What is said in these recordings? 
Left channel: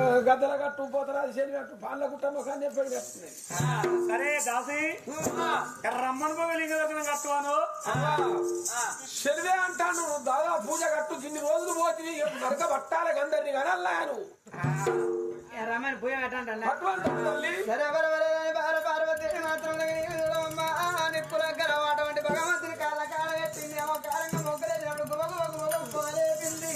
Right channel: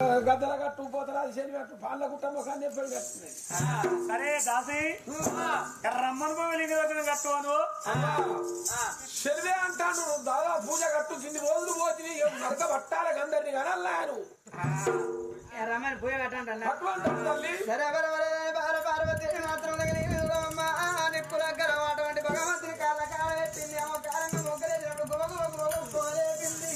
గద్దల కట్టు పోతరా శని పాల కుట్టమ్మ కానీ ఎప్పుడు కట్టున్నాయి. సరే దాసి రమ్మను పోలింగ కట్టువాను శనివే అంటాను. దాదా పూజ కట్టు ఇన్ని రోజులు పోతుంది నరక పట్టాలకు అందరినీ కానీ అల్లాను రమ్మని పూజ కట్టండి తల్లి. పార్వతి మాత్రం నిప్పుల అటువంటి భగవంతుని కాళ్ళ కాళ్ళ పెట్టింది ఏమో కాలంగా మొగ్గలేసినప్పుడు గొప్పలేపింది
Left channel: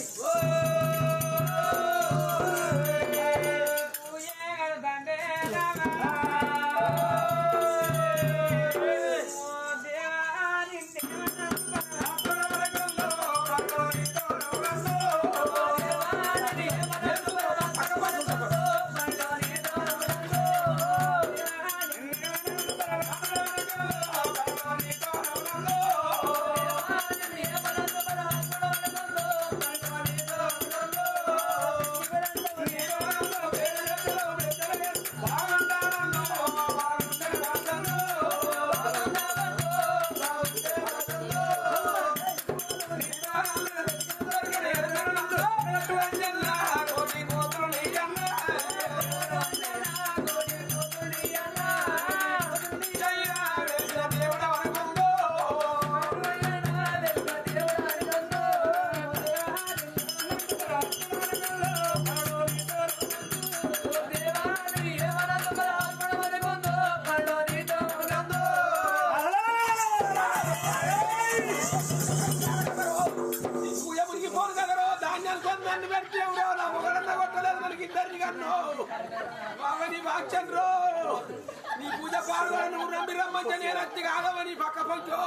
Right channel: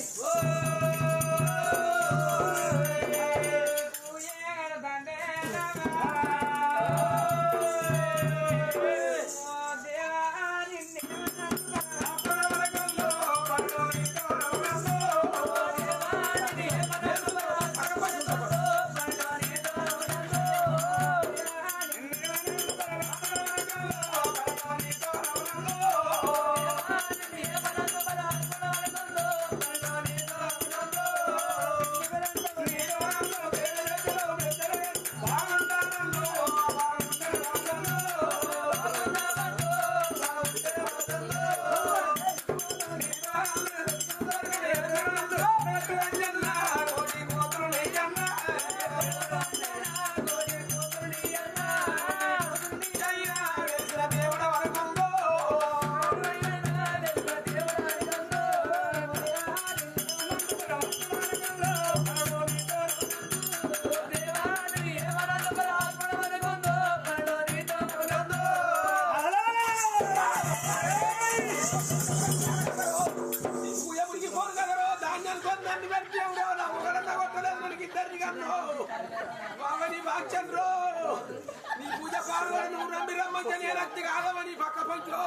నీ పూజ పాడని నమ్మి రమ్మంటే రక్తి కాదమని పక్క పోయితో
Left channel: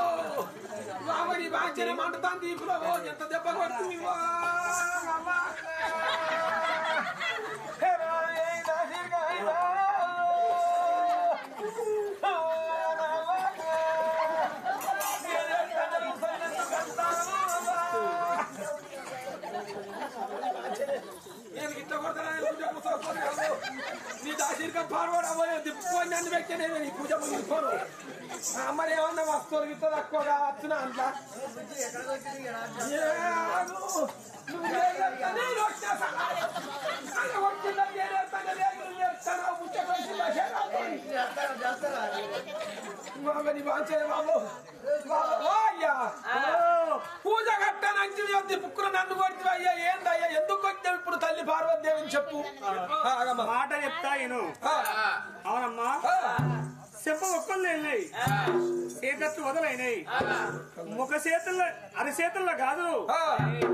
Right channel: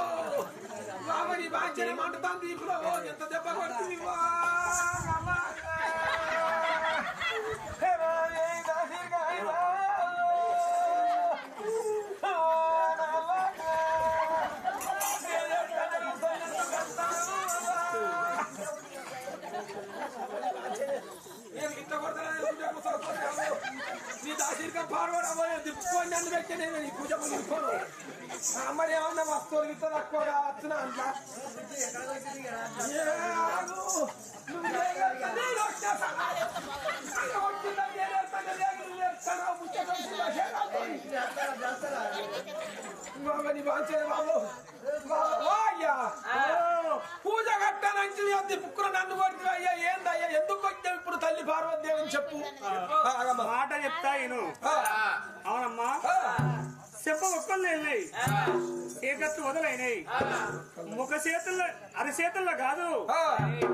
బాబని బాంచని మంటతాను దీపులో ఎంత దెబ్బ కొట్టి నేను ఇట్లా కొడతాను నీ దాసిరిగా పాడబోయే దిప్పుకొని నన్ను వ్యక్తి నేను ఈ పూజ ముగిపోను. మరి ఏమన్నా వస్తువులు గిట్ట తక్కువ కావచ్చు నా అంతా పూజ కట్టనంటే బుక్కులు నన్ను కొడుతు అయ్యా ఏందయ్యా ఎందుకు వచ్చావు ఇప్పుడు తల్లి పార్వతీదేవిని చెప్పు మాట చెప్తా నేను అవునమ్మా చెప్ప ఒక్కళ్ళు వెళ్ళినాయి చీకట్లు వదలైనాయి ముఖ చేతుల్లో అరిచేతుల్లో కాదు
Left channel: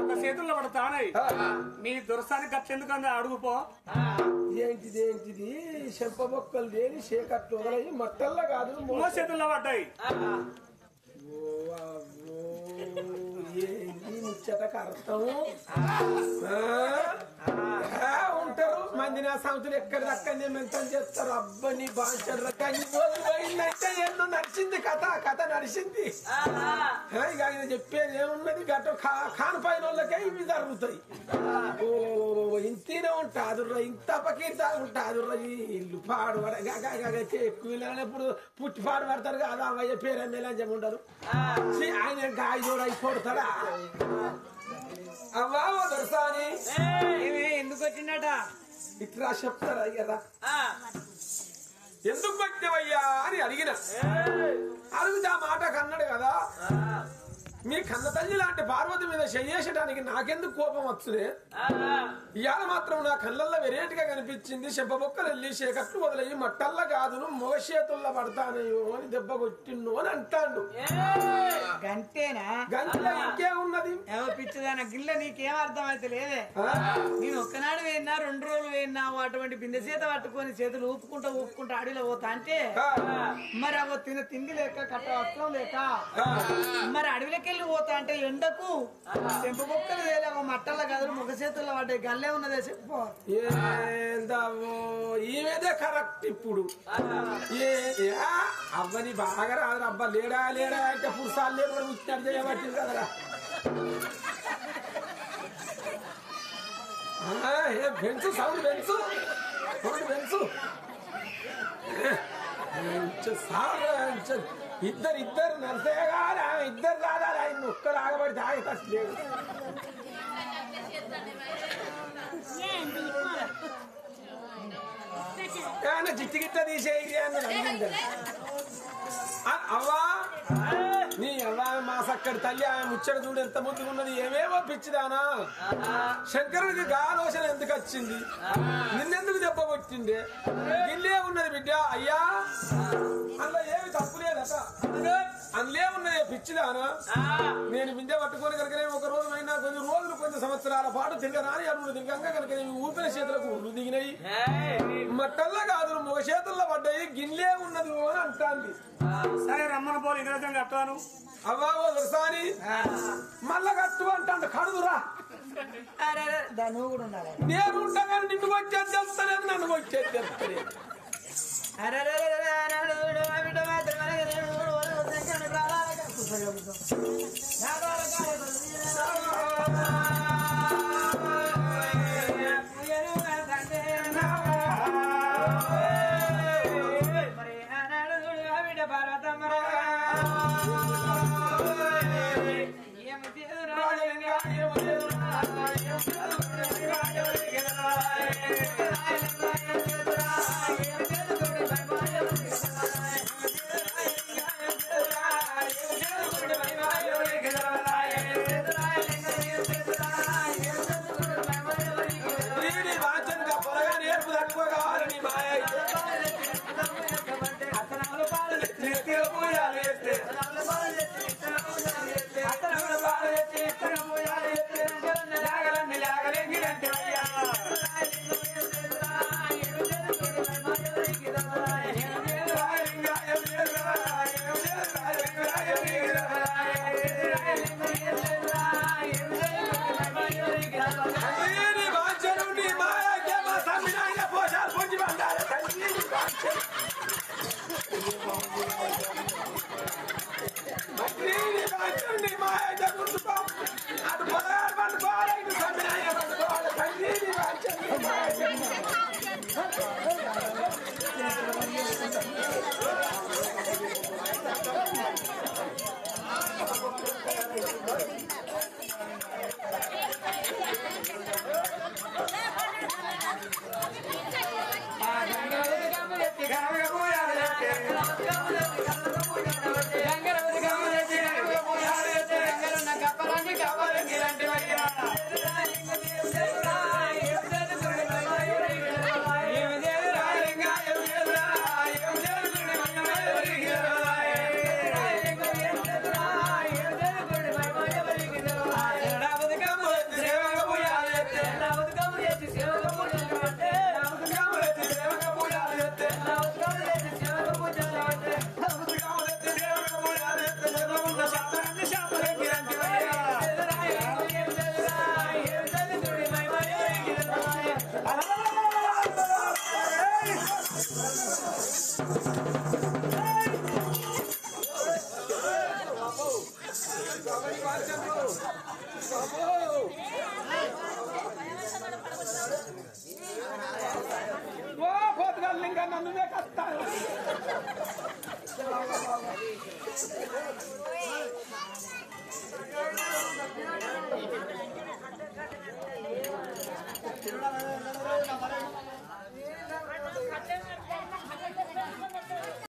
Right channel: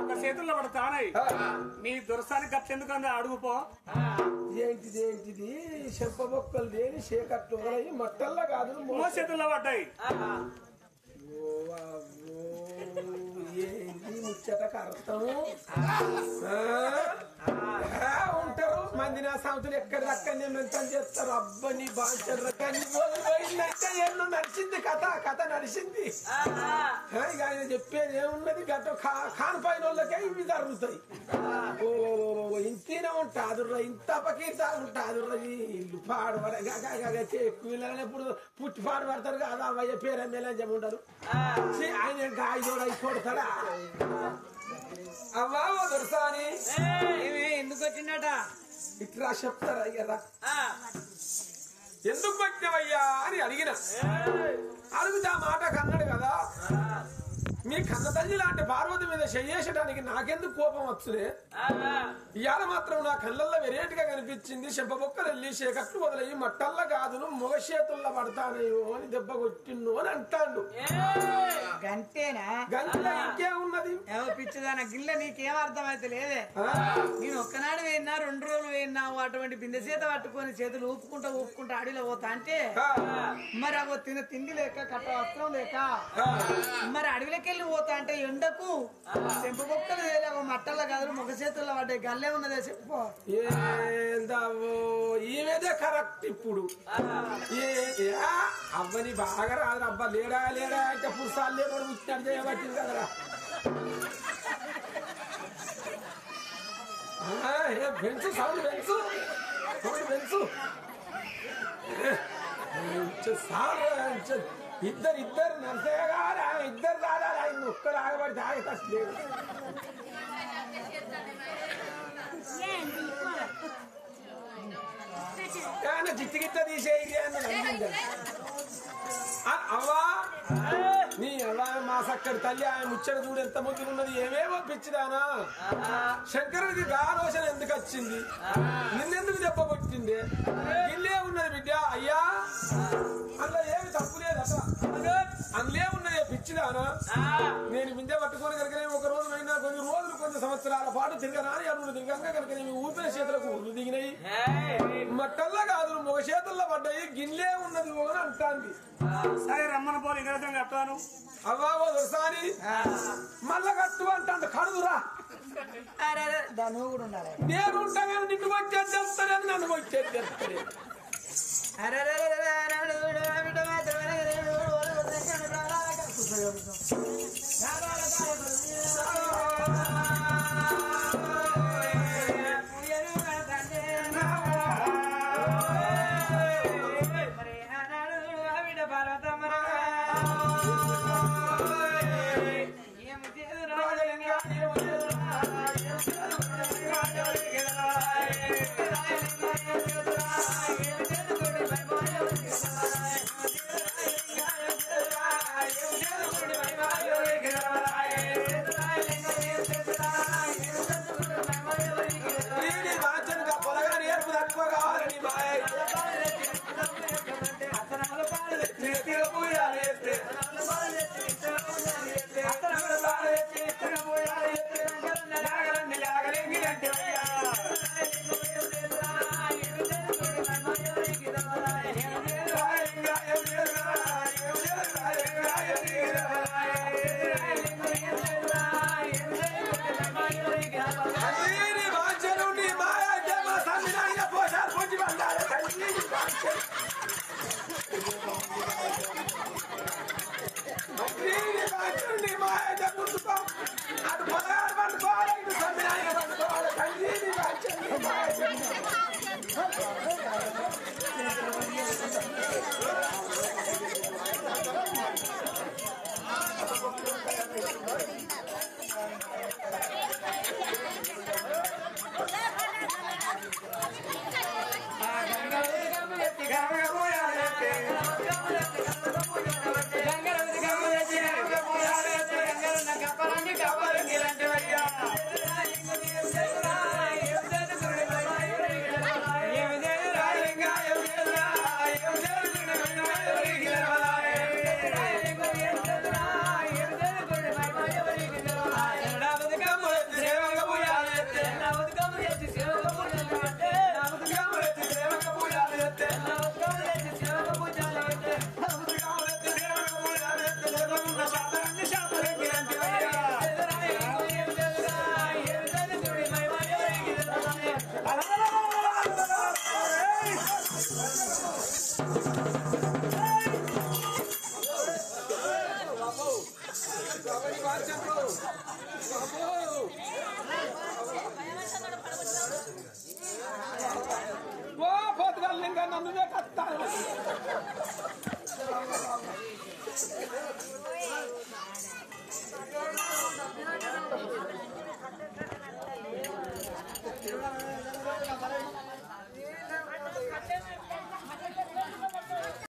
ఒక చేతుల్లో పడతానాయి మీ దురస్థానికి గట్లెందుకు అడుగుపో ఏంటిది చెంప మొక్కలు దేని చీకట్లు వదలయి మట్టల్లా కాదు మో చేతుల్లో పడ్డాయి. ఏంటి ముచ్చటకు అర్థము ఉంటారు మంది నా సంవత్సరం ఎక్కడ దక్కనే మెంతం చేస్తారు అబ్బని బాగా పోయిందంటే ఎన్నో నడిచింది కథ నడిచింది. ఇక ఆయన చెప్పేది ఏమున్నది గట్ట ఖాన్ పైన వాళ్ళకే ఇవి జరుగుతాయి. ఓ ఇంతనే ఉంటాదుర్రా ఇంత పకీత ఉంటాదుర్రా ఇల్లు పాడు ఎక్కువ ఇప్పుడు పుట్టి పాడు పడతారు కదా అవ్వయ్య పేరు ఎమ్మెల్యే ఉండదు ఆయన గాయ కూడా అయిపోతాడా అవ్వా దొరసాని ఎందుకు వచ్చిందట ఇట్లా చెప్తారా అయ్యారా ఎందుకు వచ్చావయ్యా అని అడిగిన అడుగుతా మాట కన్నాడు కదా మీ కన్న తల్లి లాంటి పార్వతి మీద చెయ్యేసడానికి నాకెందుకు కోపం వచ్చునే ఇవాళ మాత్రం నా కళ్ళల్లో వెరైటీగా కనిపించింది చెంపబొక్కలు వెళ్ళి చీకట్లు వదిలేయి మట్టల్లా కాదును మొగ చేతుల్లో పడతానయ్యో అని దెబ్బ కొట్టిండు అని అంటాడు. గంటేనా గంటలో ఇంకేమున్నది పిచ్చిదాన గిల్ల నీకేం అర్థం అయితే లేదే. నేను ఒక్కనాడు వేయినా 2 రోజులు వేయినా అటువంటి బిందె చేత పట్టుకొని చేతులు ఊపుకుంటా అడవిలో పోతా అంటే మరి అవ తిండి లేక కట్ట వస్త్రం లేక మరి అడవిలోకి పోతా అంటే ఎండకు చెంప బొక్కలు వేయలేవు మట్టల్లో కదలు ముఖ చేతుల్లో పడ్డాయి గల్లే ఉన్నదే చెప్పు ఈమెదే కరెక్ట్. ఇప్పుడు అవ్వని బాగా రాదు అబ్బా లేడా అంటే పురుషాలు లేని ముచ్చాడు చేయబట్టింది కదరా. పెంచు సౌండ్ పెంచు ఇద్దరు నర్సయ్య గారు ఇద్దరు కాదా ఆయన ఒక్కరు ఆగబడి తాగే కష్టం లేదు. ఆయన చిట్టి గిట్ట తీసేయి అన్నది అడిగింది. అవ్వా నీ అవ్వ మా సక్కడి తల్లి ఆయన ముచ్చట చూడు ఎంత ముద్దుకున్నది, ఏమేమో పిచ్చిదానా, శంకరుడికి గాలోచన ఎందుకు వచ్చింది, నిన్నెందుకు దెబ్బ కొట్టింది, ఇల్లే ఉన్నది బిడ్డ. అయ్యా అందులో ఏమి తప్పు లేదట, అందులే ఉన్నది పిచ్చిదానా, నేను బిందె పట్టుకొని కనుక నేను ఒక రోజు అయినా కొన్ని రోజులు కొన్ని సంవత్సరాల పాటు తిరగరాని అడుగులు తిరగంగా కనుక నేను ఊపిన చేతులకు ఉళ్ళు దిగినాయి, మట్టల్లా కాదు ఒక చేతుల్లో పడ్డాయి, గిన్నె ఉన్నది అని అంటాంది. సరే రమ్మని పోలు ఇంగ్రజం కట్టాను. అవ్వా ఓ దొరసాని మళ్ళా కట్టు అంటాడు, కడుదురా నువ్వు కూడా ఉండాలి. నేను ఉంటా కానీ నిన్ను వచ్చేది చెప్తాలేదు, నన్ను వచ్చేది చెప్తాను. నన్ను